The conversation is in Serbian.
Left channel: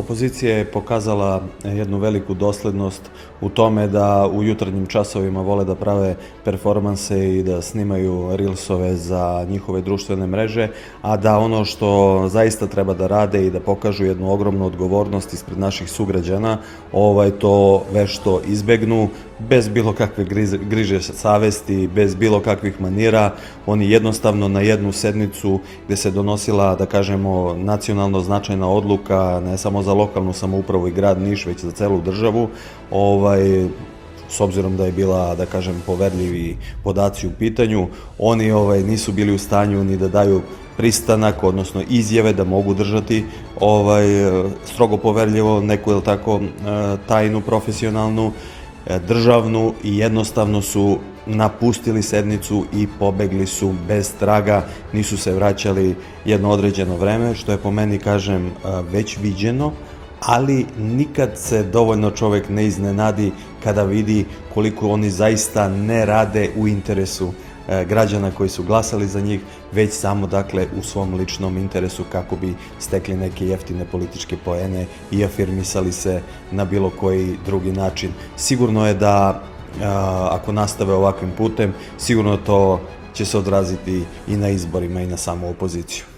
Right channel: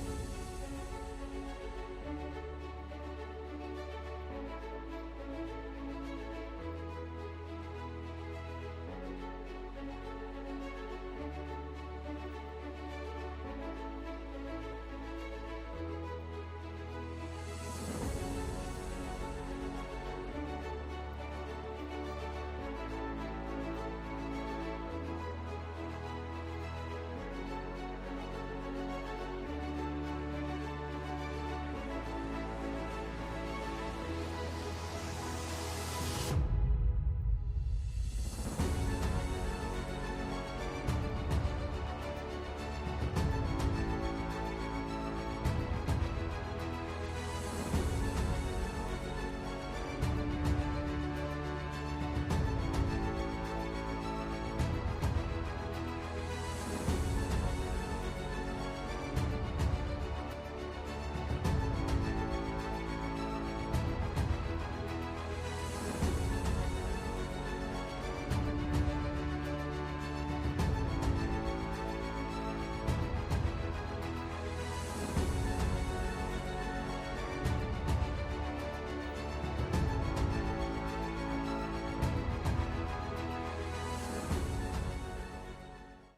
Opozicija je pokazala jednu veliku doslednost u tome da u jutarnjim časovima vole da prave performanse i da snimaju reelsove za njihove društvene mreže, a da ono što zaista treba da rade i da pokažu jednu ogromnu odgovornost ispred naših sugrađana, to vešto izbegnu, bez bilo kakve griže savesti, bez bilo kakvih manira. Oni jednostavno na jednu sednicu gde se donosila, da kažemo, nacionalno značajna odluka, ne samo za lokalnu samoupravu i grad Niš, već za celu državu, s obzirom da je bila, da kažem, poverljivi podaci u pitanju, oni nisu bili u stanju ni da daju pristanak, odnosno izjave da mogu držati strogo poverljivo neku, jel tako, tajnu, profesionalnu, državnu, i jednostavno su napustili sednicu i pobegli su bez traga, nisu se vraćali jedno određeno vreme, što je po meni, kažem, već viđeno, ali nikad se dovoljno čovek ne iznenadi kada vidi koliko oni zaista ne rade u interesu građana koji su glasali za njih, već samo, dakle, u svom ličnom interesu kako bi stekli neke jeftine političke poene i afirmisali se na bilo koji drugi način. Sigurno je da ako nastave ovakvim putem, sigurno to će se odraziti i na izborima i na samu opoziciju.